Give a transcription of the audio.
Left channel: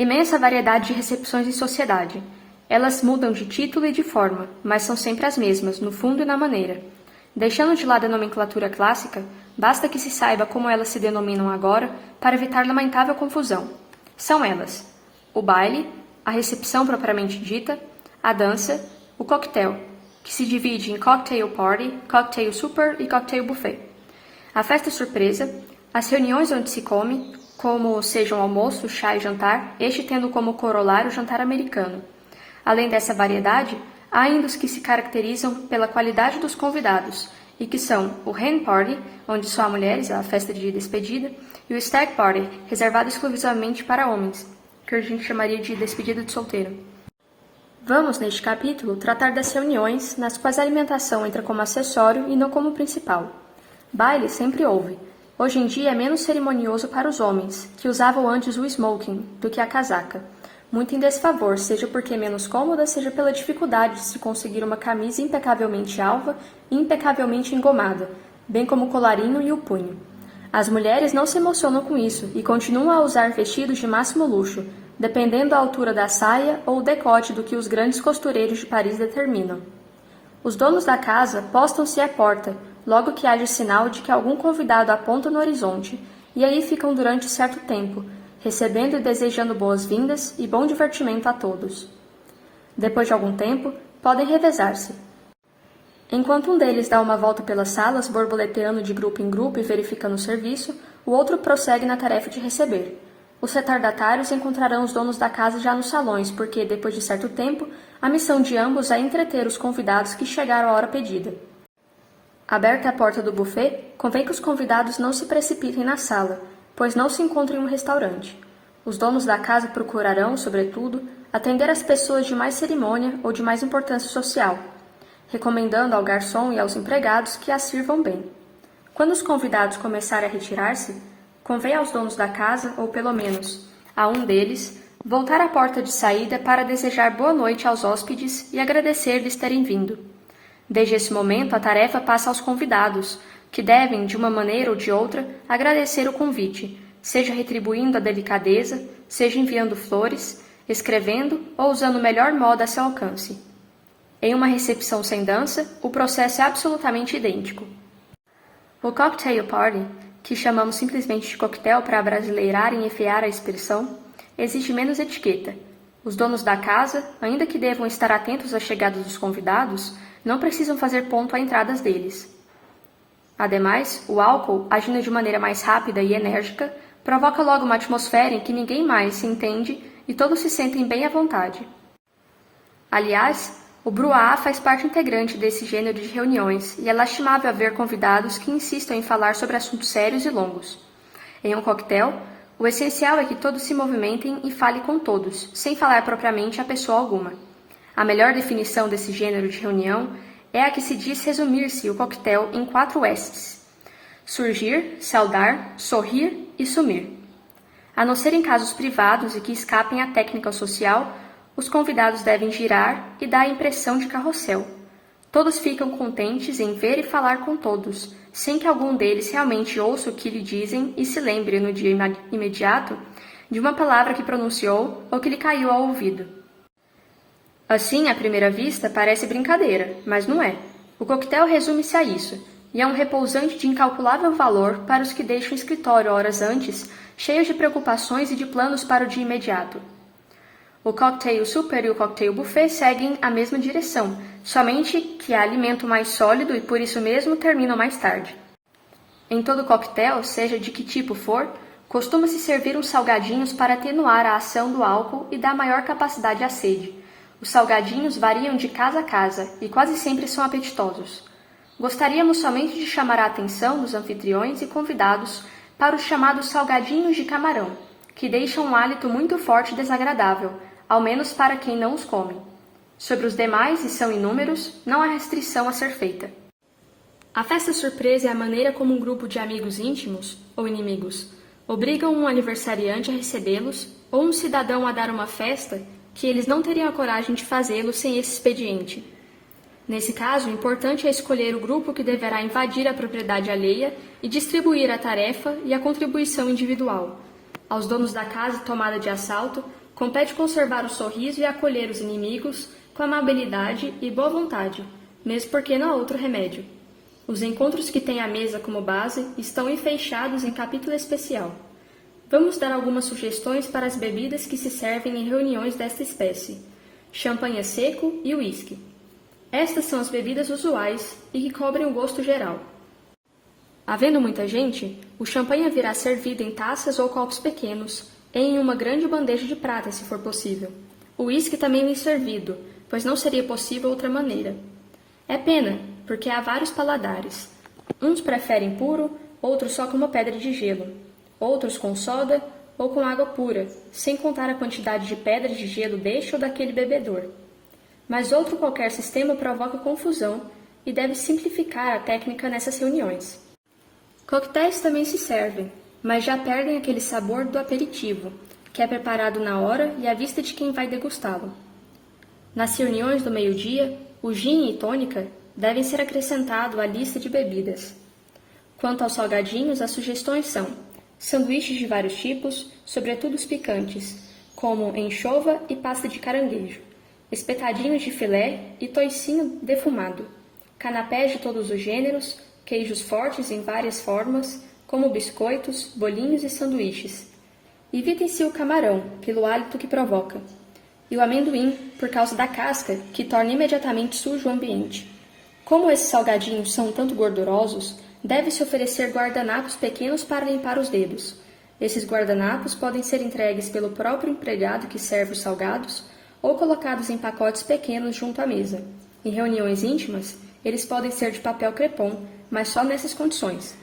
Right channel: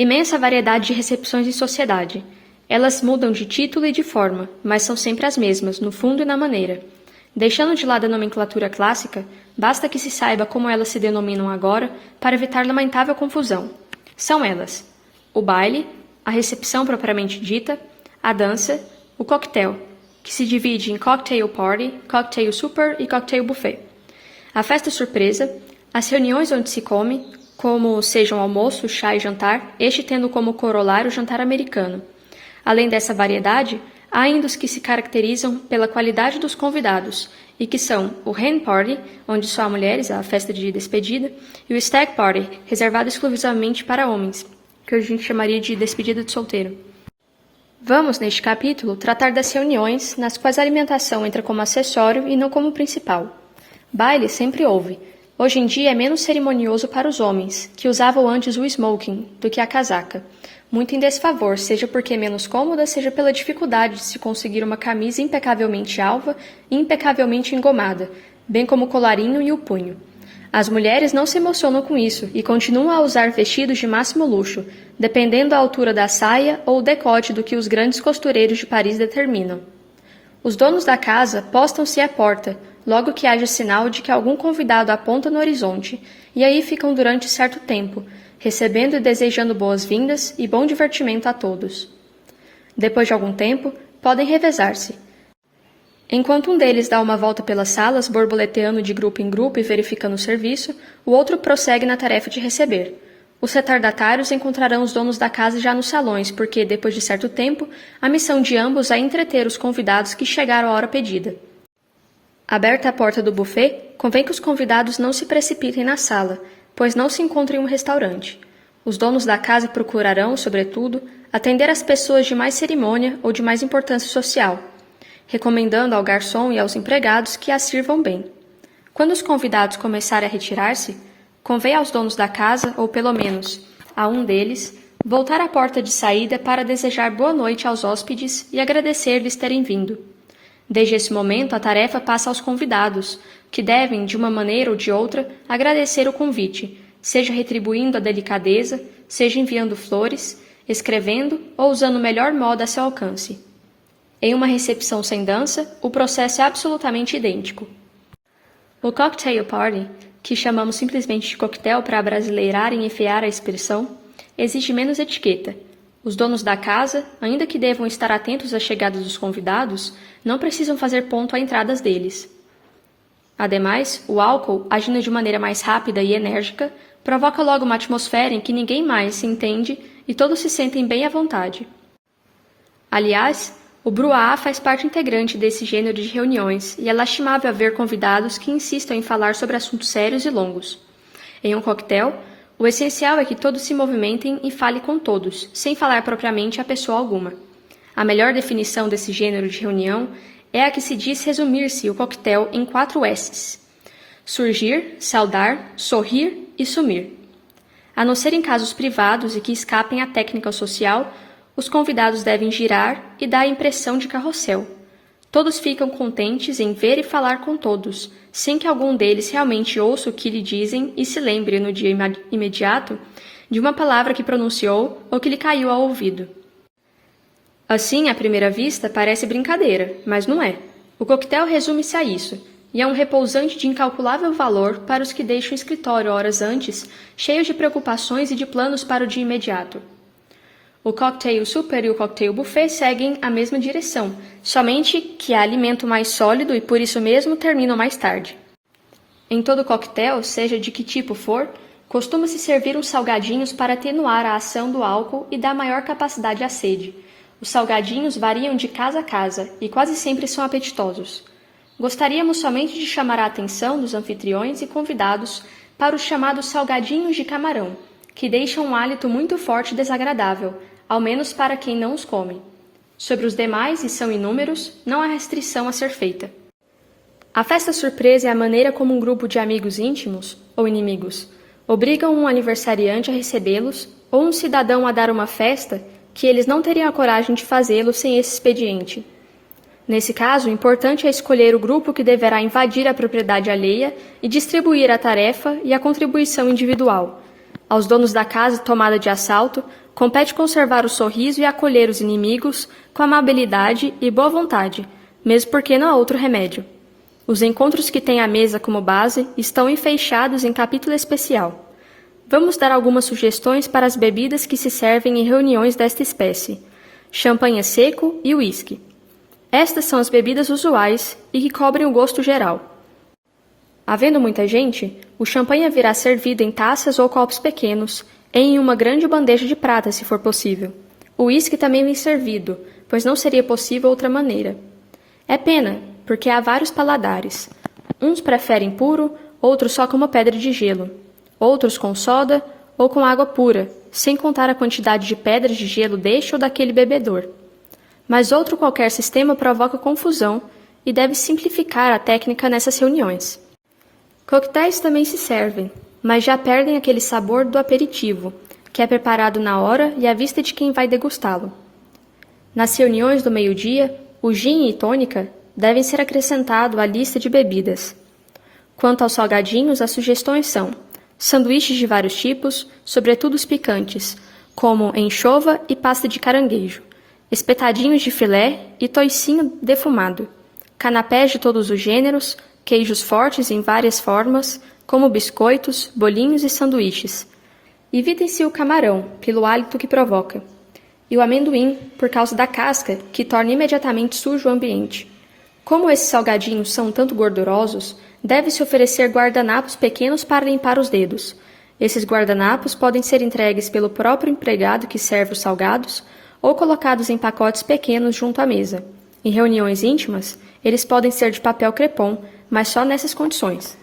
Imensa variedade de recepções em sociedade. Elas mudam de título e de forma, mas são sempre as mesmas, no fundo e na maneira. Deixando de lado a nomenclatura clássica, basta que se saiba como elas se denominam agora para evitar lamentável confusão. São elas: o baile, a recepção propriamente dita, a dança, o coquetel, que se divide em cocktail party, cocktail super e cocktail buffet. A festa surpresa, as reuniões onde se come, como sejam almoço, chá e jantar, este tendo como corolário o jantar americano. Além dessa variedade, há ainda os que se caracterizam pela qualidade dos convidados, e que são o hen party, onde só há mulheres, a festa de despedida, e o stag party, reservado exclusivamente para homens, que a gente chamaria de despedida de solteiro. Vamos, neste capítulo, tratar das reuniões, nas quais a alimentação entra como acessório e não como principal. Baile sempre houve. Hoje em dia é menos cerimonioso para os homens, que usavam antes o smoking, do que a casaca. Muito em desfavor, seja porque é menos cômoda, seja pela dificuldade de se conseguir uma camisa impecavelmente alva e impecavelmente engomada, bem como o colarinho e o punho. As mulheres não se emocionam com isso e continuam a usar vestidos de máximo luxo, dependendo da altura da saia ou o decote do que os grandes costureiros de Paris determinam. Os donos da casa postam-se à porta, logo que haja sinal de que algum convidado aponta no horizonte, e aí ficam durante certo tempo, recebendo e desejando boas-vindas e bom divertimento a todos. Depois de algum tempo, podem revezar-se. Enquanto um deles dá uma volta pelas salas, borboleteando de grupo em grupo e verificando o serviço, o outro prossegue na tarefa de receber. Os retardatários encontrarão os donos da casa já nos salões, porque, depois de certo tempo, a missão de ambos é entreter os convidados que chegaram à hora pedida. Aberta a porta do buffet, convém que os convidados não se precipitem na sala, pois não se encontra em um restaurante. Os donos da casa procurarão, sobretudo, atender as pessoas de mais cerimônia ou de mais importância social, recomendando ao garçom e aos empregados que as sirvam bem. Quando os convidados começarem a retirar-se, convém aos donos da casa, ou pelo menos a um deles, voltar à porta de saída para desejar boa noite aos hóspedes e agradecer-lhes terem vindo. Desde esse momento, a tarefa passa aos convidados, que devem, de uma maneira ou de outra, agradecer o convite, seja retribuindo a delicadeza, seja enviando flores, escrevendo ou usando o melhor modo a seu alcance. Em uma recepção sem dança, o processo é absolutamente idêntico. O cocktail party, que chamamos simplesmente de coquetel para abrasileirar e enfiar a expressão, exige menos etiqueta. Os donos da casa, ainda que devam estar atentos à chegada dos convidados, não precisam fazer ponto à entrada deles. Ademais, o álcool, agindo de maneira mais rápida e enérgica, provoca logo uma atmosfera em que ninguém mais se entende e todos se sentem bem à vontade. Aliás, o brouhaha faz parte integrante desse gênero de reuniões e é lastimável haver convidados que insistam em falar sobre assuntos sérios e longos. Em um coquetel, o essencial é que todos se movimentem e falem com todos, sem falar propriamente a pessoa alguma. A melhor definição desse gênero de reunião é a que se diz resumir-se o coquetel em 4 S's: surgir, saudar, sorrir e sumir. A não ser em casos privados e que escapem à técnica social, os convidados devem girar e dar a impressão de carrossel. Todos ficam contentes em ver e falar com todos, sem que algum deles realmente ouça o que lhe dizem e se lembre no dia imediato de uma palavra que pronunciou ou que lhe caiu ao ouvido. Assim, à primeira vista, parece brincadeira, mas não é. O coquetel resume-se a isso, e é um repousante de incalculável valor para os que deixam o escritório horas antes, cheios de preocupações e de planos para o dia imediato. O cocktail super e o cocktail buffet seguem a mesma direção, somente que há alimento mais sólido e por isso mesmo terminam mais tarde. Em todo coquetel, seja de que tipo for, costuma-se servir uns salgadinhos para atenuar a ação do álcool e dar maior capacidade à sede. Os salgadinhos variam de casa a casa e quase sempre são apetitosos. Gostaríamos somente de chamar a atenção dos anfitriões e convidados para os chamados salgadinhos de camarão, que deixam um hálito muito forte e desagradável, ao menos para quem não os come. Sobre os demais, e são inúmeros, não há restrição a ser feita. A festa surpresa é a maneira como um grupo de amigos íntimos, ou inimigos, obrigam um aniversariante a recebê-los ou um cidadão a dar uma festa que eles não teriam a coragem de fazê-lo sem esse expediente. Nesse caso, o importante é escolher o grupo que deverá invadir a propriedade alheia e distribuir a tarefa e a contribuição individual. Aos donos da casa tomada de assalto, Compete conservar o sorriso e acolher os inimigos com amabilidade e boa vontade, mesmo porque não há outro remédio. Os encontros que têm a mesa como base estão enfeixados em capítulo especial. Vamos dar algumas sugestões para as bebidas que se servem em reuniões desta espécie: champanhe seco e uísque. Estas são as bebidas usuais e que cobrem o gosto geral. Havendo muita gente, o champanhe virá servido em taças ou copos pequenos, e em uma grande bandeja de prata, se for possível. O uísque também vem servido, pois não seria possível outra maneira. É pena, porque há vários paladares. Uns preferem puro, outros só com uma pedra de gelo, outros com soda ou com água pura, sem contar a quantidade de pedras de gelo deste ou daquele bebedor. Mas outro qualquer sistema provoca confusão e deve simplificar a técnica nessas reuniões. Coquetéis também se servem, mas já perdem aquele sabor do aperitivo, que é preparado na hora e à vista de quem vai degustá-lo. Nas reuniões do meio-dia, o gin e tônica devem ser acrescentados à lista de bebidas. Quanto aos salgadinhos, as sugestões são sanduíches de vários tipos, sobretudo os picantes, como anchova e pasta de caranguejo, espetadinhos de filé e toicinho defumado, canapés de todos os gêneros, queijos fortes em várias formas, como biscoitos, bolinhos e sanduíches. Evitem-se o camarão, pelo hálito que provoca, e o amendoim, por causa da casca, que torna imediatamente sujo o ambiente. Como esses salgadinhos são tanto gordurosos, deve-se oferecer guardanapos pequenos para limpar os dedos. Esses guardanapos podem ser entregues pelo próprio empregado que serve os salgados ou colocados em pacotes pequenos junto à mesa. Em reuniões íntimas, eles podem ser de papel crepom, mas só nessas condições.